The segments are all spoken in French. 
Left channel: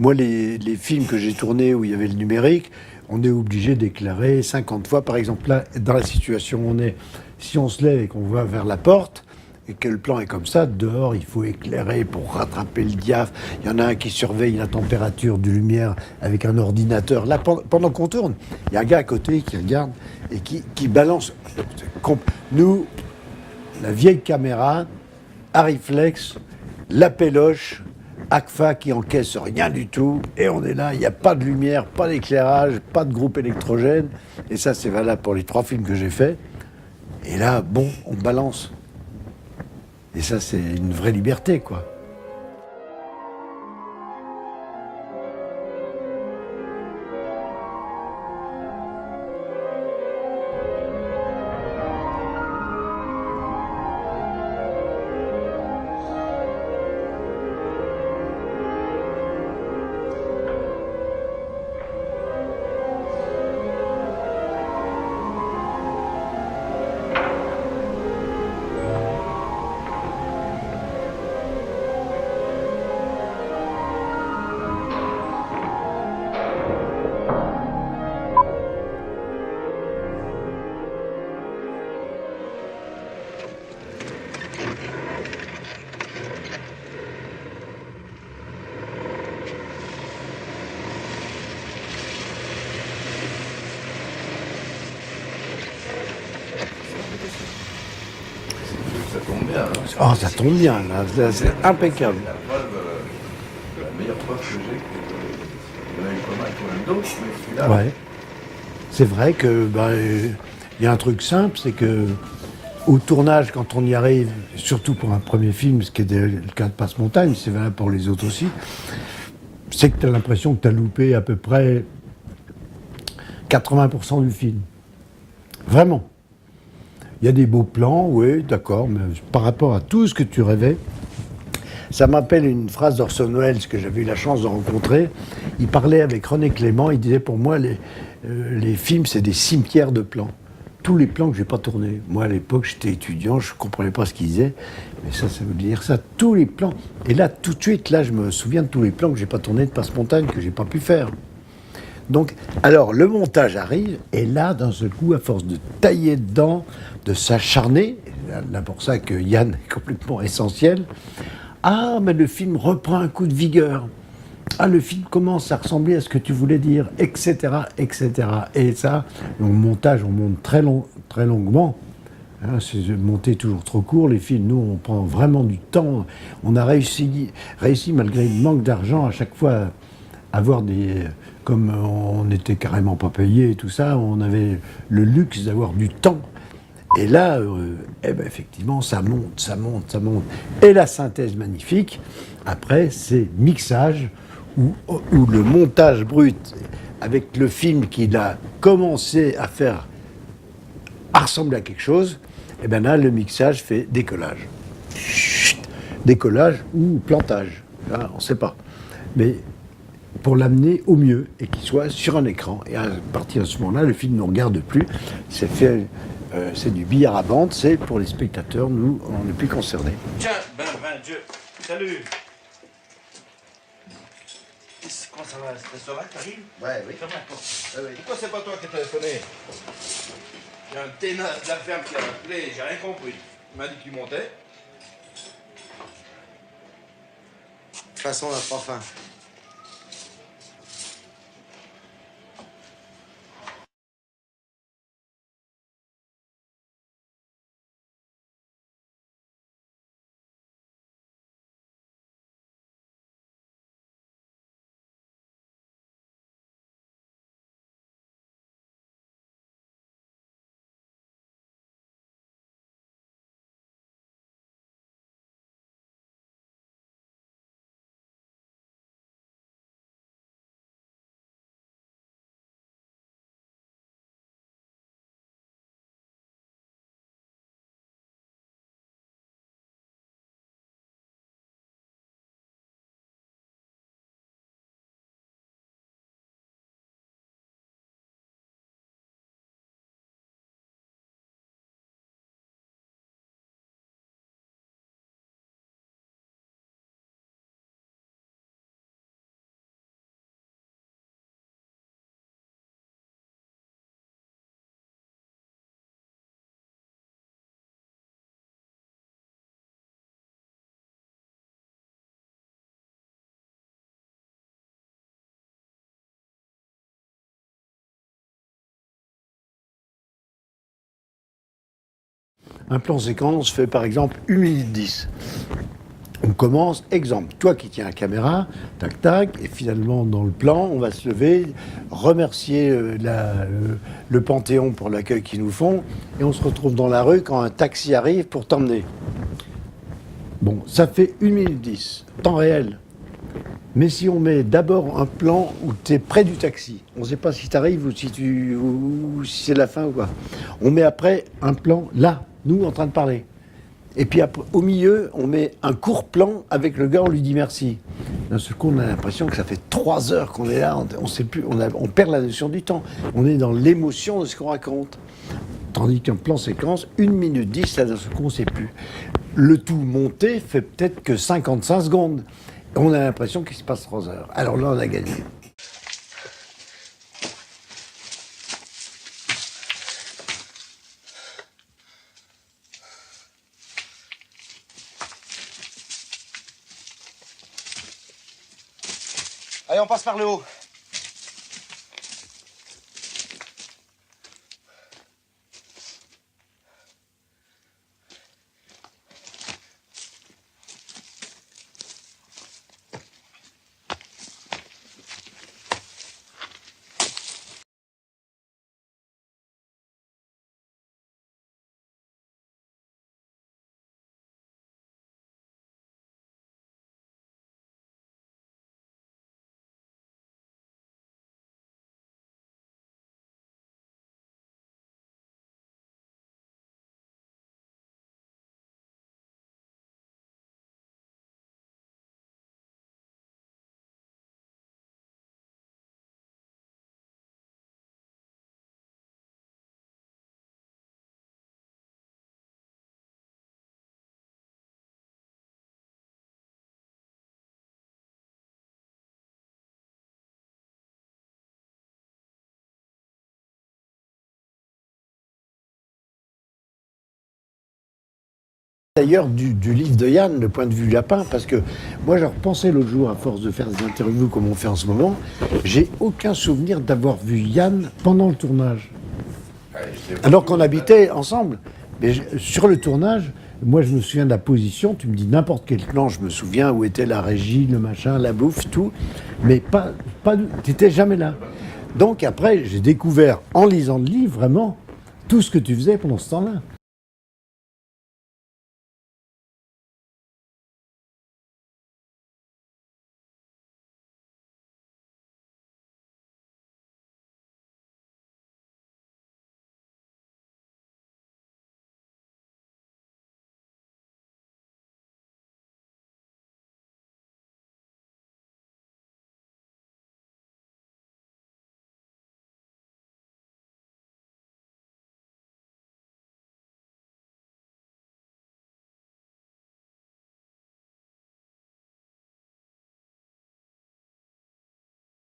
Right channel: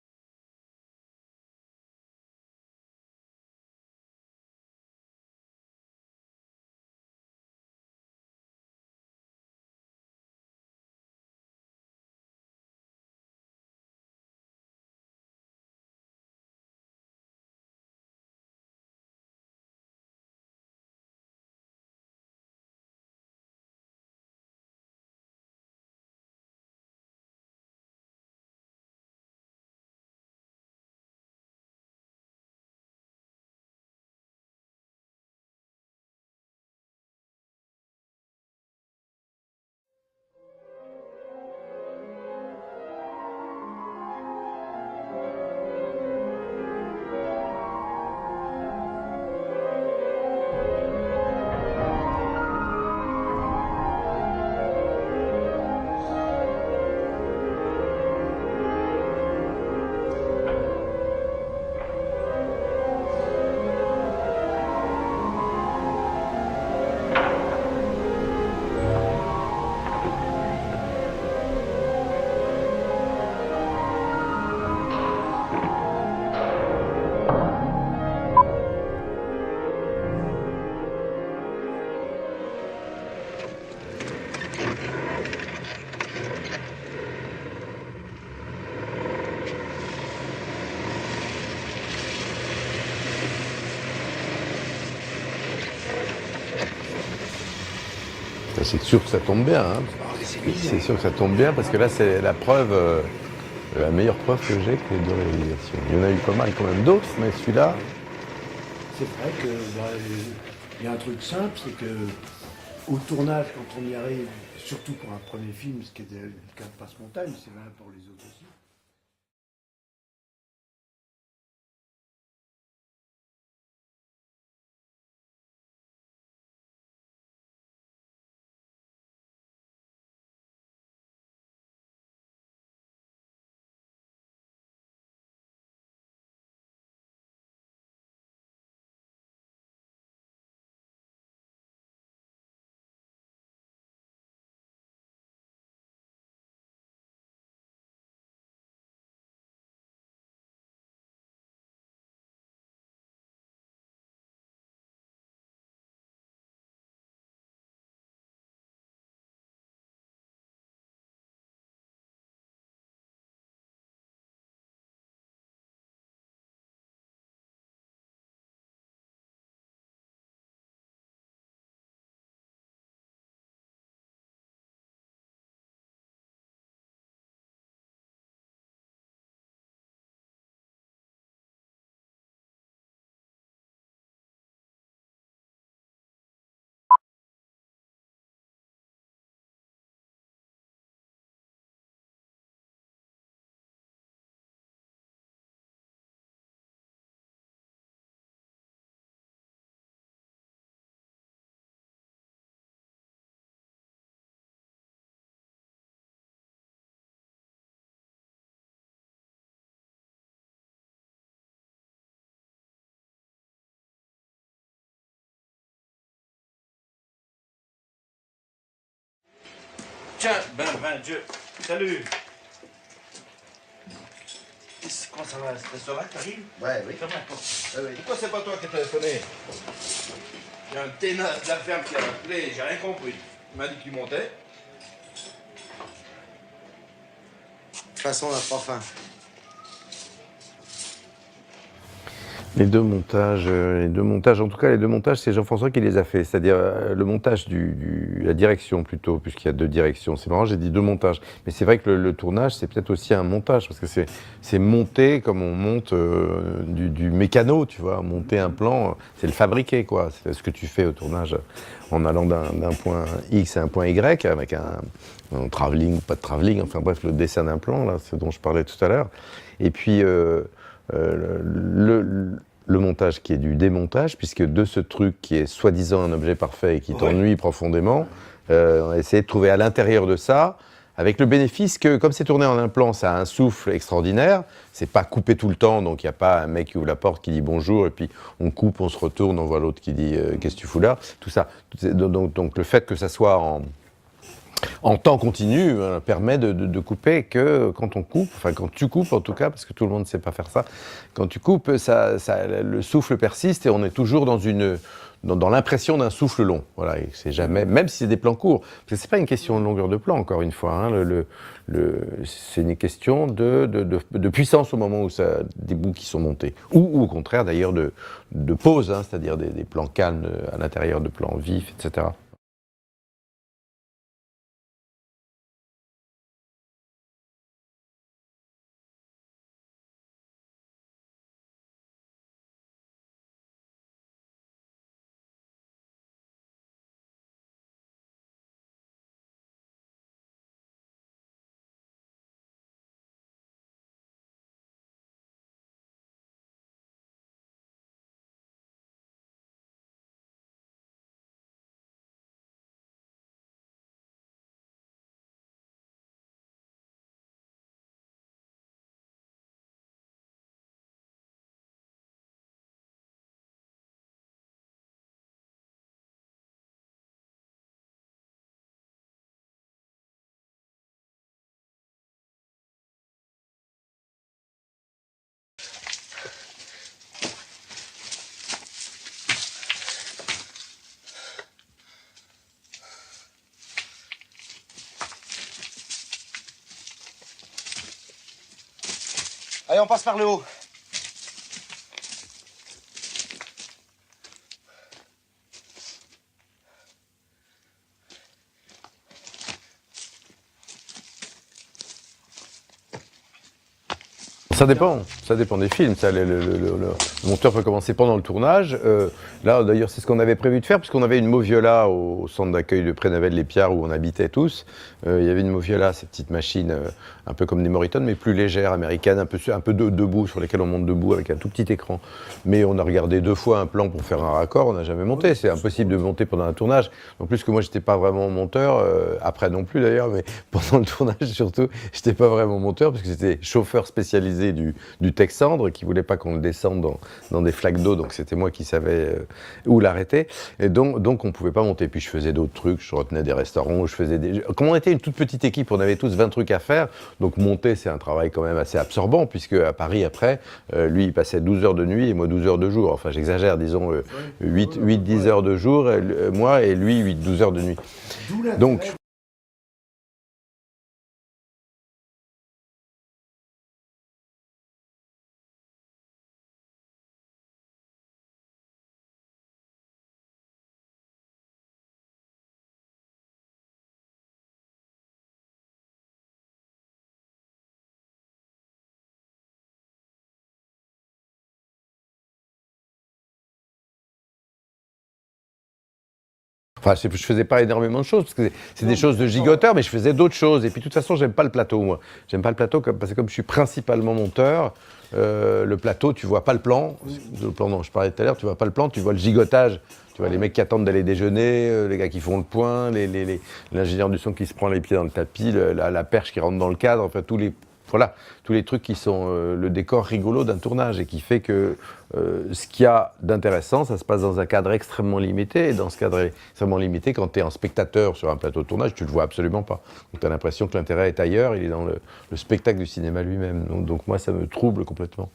Moi, les films que j'ai tournés où il y avait le numérique, on est obligé d'éclairer 50 fois. Par exemple, là, dans la situation où on est, si on se lève et qu'on va vers la porte, et que le plan est comme ça, dehors, il faut éclairer pour rattraper le diaph. Il y en a un qui surveille la température de lumière avec un ordinateur. Là, pendant qu'on tourne, il y a un gars à côté qui regarde et qui balance. Nous, la vieille caméra, Arriflex, la péloche, ACFA qui encaisse rien du tout, et on est là, il n'y a pas de lumière, pas d'éclairage, pas de groupe électrogène, et ça c'est valable pour les 3 films que j'ai faits. Et là, bon, on balance. Et ça c'est une vraie liberté, quoi. C'est sûr que ça tombe bien. Hein. Oh, ça tombe bien. C'est sûr que ça tombe bien parce que là, c'est la preuve, la meilleure preuve que j'ai qu'il y en a eu pas mal quand même d'autres, mais celui-là. Ouais. C'est vrai que y a un truc simple, c'est que au tournage, quand on y arrive, surtout pour un premier film, ce qui est le cas de Passe-Montagne, c'est valable pour les autres aussi, c'est que tu as l'impression que tu as loupé à peu près 80% du film. Vraiment. Il y a des beaux plans, oui, d'accord, mais par rapport à tout ce que tu rêvais, ça m'appelle une phrase d'Orson Welles que j'avais eu la chance de rencontrer. Il parlait avec René Clément, il disait pour moi, les films, c'est des cimetières de plans. Tous les plans que je n'ai pas tournés. Moi, à l'époque, j'étais étudiant, je ne comprenais pas ce qu'il disait, mais ça veut dire ça, tous les plans. Et là, tout de suite, là, je me souviens de tous les plans que je n'ai pas tournés de Passe-Montagne, que je n'ai pas pu faire. Donc, alors, le montage arrive, et là, d'un seul coup, à force de tailler dedans, de s'acharner, là pour ça que Yann est complètement essentiel, ah, mais le film reprend un coup de vigueur. Ah, le film commence à ressembler à ce que tu voulais dire, etc., etc. Et ça, au montage, on monte très longuement. Hein, c'est monter toujours trop court, les films, nous, on prend vraiment du temps. On a réussi malgré le manque d'argent, à chaque fois, à avoir des... Comme on n'était carrément pas payé et tout ça, on avait le luxe d'avoir du temps. Et là, effectivement, ça monte, ça monte, ça monte. Et la synthèse magnifique, après, c'est mixage, où le montage brut, avec le film qu'il a commencé à faire, à ressembler à quelque chose, et bien là, le mixage fait décollage. Chut, décollage ou plantage, là, on ne sait pas. Mais pour l'amener au mieux et qu'il soit sur un écran. Et à partir de ce moment-là, le film ne nous regarde plus. C'est du billard à bande, c'est pour les spectateurs, nous, on n'est plus concernés. Tiens, ben Dieu, salut. Comment ça va? Ça va, t'arrives? Ouais, oui. Ferme la porte. Ouais, oui. Pourquoi c'est pas toi qui as téléphoné? Il y a un ténasse de la ferme qui a appelé, j'ai rien compris. Il m'a dit qu'il montait. De toute façon, on n'a pas faim. Les deux montages, en tout cas les deux montages, c'est Jean-François qui les a fait, c'est-à-dire le montage la direction plutôt, puisqu'il y a deux directions. C'est marrant, j'ai dit deux montages, mais c'est vrai que le tournage, c'est peut-être aussi un montage, parce que c'est monter comme on monte du mécano, tu vois, monter un plan, c'est le fabriquer, quoi. C'est ce que tu fais au tournage, en allant d'un point X à un point Y, avec un travelling ou pas de travelling, enfin bref, le dessin d'un plan, là, ce dont je parlais tout à l'heure. Et puis... le montage qui est du démontage, puisque de ce truc qui est soi-disant un objet parfait et qui t'ennuie profondément, on a essayé de trouver à l'intérieur de ça, avec le bénéfice que, comme c'est tourné en un plan, ça a un souffle extraordinaire, c'est pas coupé tout le temps, donc il n'y a pas un mec qui ouvre la porte qui dit bonjour, et puis on coupe, on se retourne, on voit l'autre qui dit qu'est-ce que tu fous là, tout ça. Donc le fait que ça soit en temps continu, permet de couper que quand on coupe, enfin quand tu coupes en tout cas, parce que tout le monde ne sait pas faire ça, quand tu coupes, le souffle persiste et on est toujours dans l'impression d'un souffle long. Voilà, et c'est jamais, même si c'est des plans courts, parce que c'est pas une question de longueur de plan, encore une fois, hein, c'est une question de puissance au moment où des bouts qui sont montés, ou au contraire d'ailleurs de pause, hein, c'est-à-dire des plans calmes à l'intérieur de plans vifs, etc. Un plan séquence fait par exemple 1 minute 10. On commence, exemple, toi qui tiens la caméra, tac tac, et finalement dans le plan, on va se lever, remercier le Panthéon pour l'accueil qu'ils nous font, et on se retrouve dans la rue quand un taxi arrive pour t'emmener. Bon, ça fait 1 minute 10, temps réel. Mais si on met d'abord un plan où tu es près du taxi, on ne sait pas si tu arrives ou si c'est la fin ou quoi. On met après un plan là, nous en train de parler. Et puis après, au milieu, on met un court plan avec le gars, on lui dit merci. D'un seul coup, on a l'impression que ça fait 3 heures qu'on est là, on sait plus, on perd la notion du temps. On est dans l'émotion de ce qu'on raconte. Tandis qu'un plan séquence, 1 minute 10, là, d'un seul coup, on ne sait plus. Le tout monté fait peut-être que 55 secondes. On a l'impression qu'il se passe 3 heures. Alors là, on a gagné. Allez, on passe par le haut. Ça dépend des films. Le monteur peut commencer pendant le tournage. Là, d'ailleurs, c'est ce qu'on avait prévu de faire, puisqu'on avait une Moviola au centre d'accueil de Prénavel-les-Piards où on habitait tous. Il y avait une Moviola, cette petite machine un peu comme des Moritone, mais plus légère, américaine, un peu debout, sur lesquelles on monte debout avec un tout petit écran. Mais on a regardé 2 fois un plan pour faire un raccord, on n'a jamais monté. C'est impossible de monter pendant un tournage. En plus que moi, j'étais pas vraiment monteur, après non plus d'ailleurs, mais pendant le tournage surtout, j'étais pas vraiment monteur, parce que j'étais chauffeur spécialisé du Texandre, qui voulait pas qu'on le descende dans des flaques d'eau, donc c'était moi qui savais où l'arrêter. Et donc on pouvait pas monter. Puis je faisais d'autres trucs, je retenais des restaurants, Comme on était une toute petite équipe, on avait tous 20 trucs à faire, donc monter c'est un travail quand même assez absorbant, puisque à Paris après, lui il passait 12 heures de nuit et moi 12 heures de jour. Enfin j'exagère, disons 8-10 heures de jour, moi et lui 8-12 heures de nuit. Donc, d'ailleurs, du livre de Yann, le point de vue lapin, parce que moi, je repensais l'autre jour, à force de faire des interviews comme on fait en ce moment, j'ai aucun souvenir d'avoir vu Yann pendant le tournage. Alors qu'on habitait ensemble. Mais sur le tournage, moi, je me souviens de la position, tu me dis n'importe quel plan, je me souviens où était la régie, le machin, la bouffe, tout, mais tu n'étais jamais là. Donc après, j'ai découvert, en lisant le livre, vraiment, tout ce que tu faisais pendant ce temps-là. Enfin, je faisais pas énormément de choses, parce que c'est des choses de gigoteur, mais je faisais d'autres choses. Et puis, de toute façon, j'aime pas le plateau, moi. J'aime pas le plateau, parce que comme je suis principalement monteur, le plateau, tu vois pas le plan. Le plan dont je parlais tout à l'heure, tu vois pas le plan, tu vois le gigotage. Tu vois les mecs qui attendent d'aller déjeuner, les gars qui font le point, l'ingénieur du son qui se prend les pieds dans le tapis, la perche qui rentre dans le cadre, enfin tous les trucs qui sont le décor rigolo d'un tournage et qui fait que ce qu'il y a d'intéressant, ça se passe dans un cadre extrêmement limité. Et dans ce cadre extrêmement limité, quand tu es un spectateur sur un plateau de tournage, tu ne le vois absolument pas. Donc tu as l'impression que l'intérêt est ailleurs, il est dans le spectacle du cinéma lui-même. Donc moi, ça me trouble complètement.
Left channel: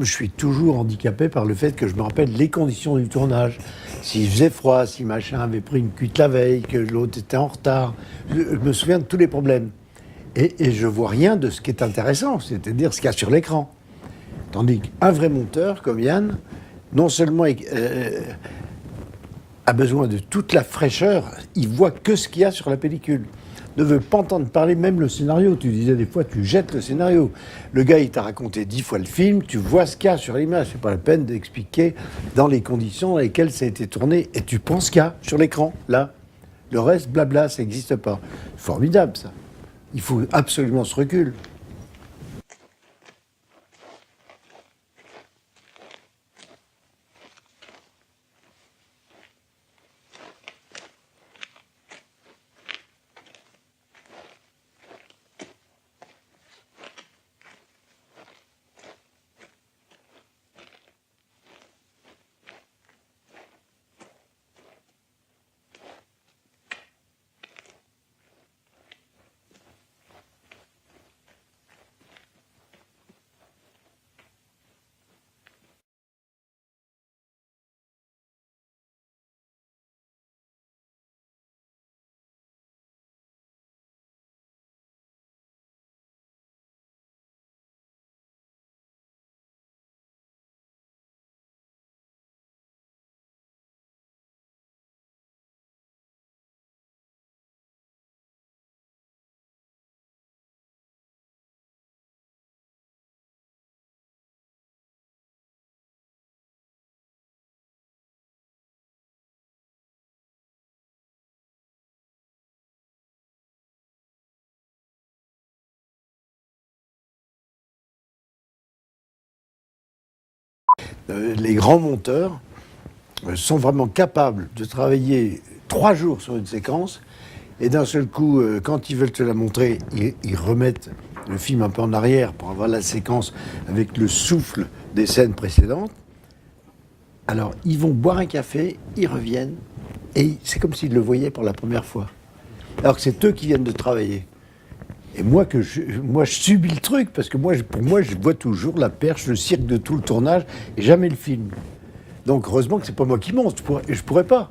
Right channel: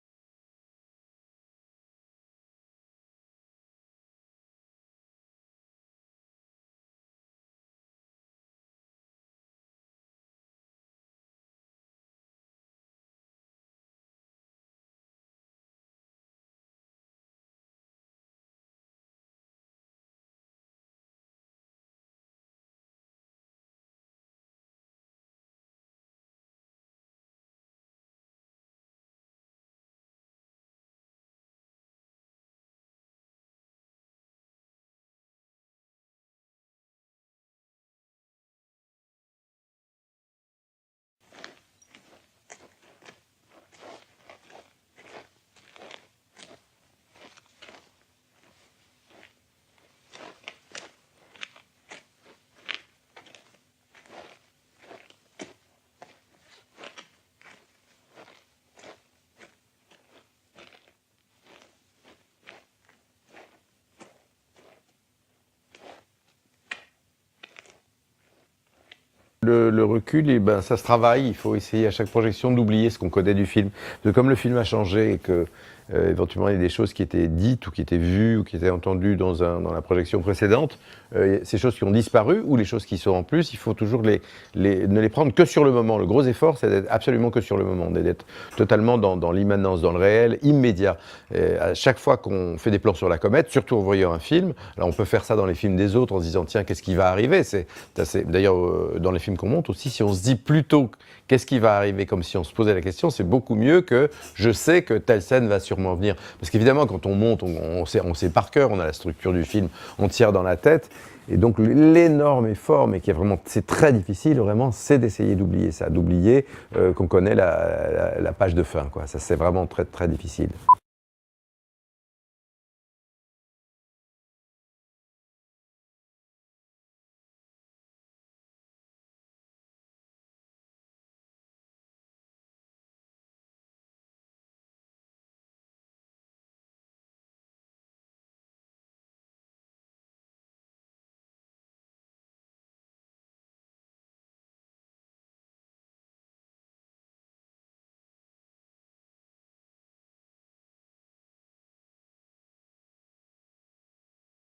Je suis toujours handicapé par le fait que je me rappelle les conditions du tournage. S'il faisait froid, si machin avait pris une cuite la veille, que l'autre était en retard. Je me souviens de tous les problèmes. Et je vois rien de ce qui est intéressant, c'est-à-dire ce qu'il y a sur l'écran. Tandis qu'un vrai monteur comme Yann, non seulement a besoin de toute la fraîcheur, il voit que ce qu'il y a sur la pellicule. Ne veut pas entendre parler même le scénario. Tu disais des fois, tu jettes le scénario. Le gars, il t'a raconté 10 fois le film, tu vois ce qu'il y a sur l'image. C'est pas la peine d'expliquer dans les conditions dans lesquelles ça a été tourné. Et tu penses qu'il y a sur l'écran, là. Le reste, blabla, ça n'existe pas. Formidable, ça. Il faut absolument ce recul. Le recul, eh ben, ça se travaille. Il faut essayer à chaque projection d'oublier ce qu'on connaît du film. Parce que comme le film a changé et que éventuellement il y a des choses qui étaient dites ou qui étaient vues ou qui étaient entendues dans la projection précédente, ces choses qui ont disparu ou les choses qui sont en plus, il faut toujours ne les prendre que sur le moment. Le gros effort, c'est d'être absolument que sur le moment, d'être totalement dans l'immanence, dans le réel, immédiat. À chaque fois qu'on fait des plans sur la comète, surtout en voyant un film, alors on peut faire ça dans les films des autres en se disant tiens, qu'est-ce qui va arriver. D'ailleurs, dans les films qu'on monte aussi, si on se dit plutôt qu'est-ce qui va arriver, comme si on se posait la question, c'est beaucoup mieux que je sais que telle scène va sûrement venir. Parce qu'évidemment, quand on monte, on sait par cœur, on a la structure du film entière dans la tête. Et donc l'énorme effort, mais qui est vraiment, c'est très difficile vraiment, c'est d'essayer d'oublier ça, d'oublier qu'on connaît la page de fin, quoi. Ça, c'est vraiment très, très difficile. Les grands monteurs sont vraiment capables de travailler 3 jours sur une séquence et d'un seul coup, quand ils veulent te la montrer, ils remettent le film un peu en arrière pour avoir la séquence avec le souffle des scènes précédentes. Alors, ils vont boire un café, ils reviennent, et c'est comme s'ils le voyaient pour la première fois. Alors que c'est eux qui viennent de travailler. Et moi, je subis le truc, parce que pour moi, je vois toujours la perche, le cirque de tout le tournage, et jamais le film. Donc, heureusement que c'est pas moi qui monte, je pourrais pas.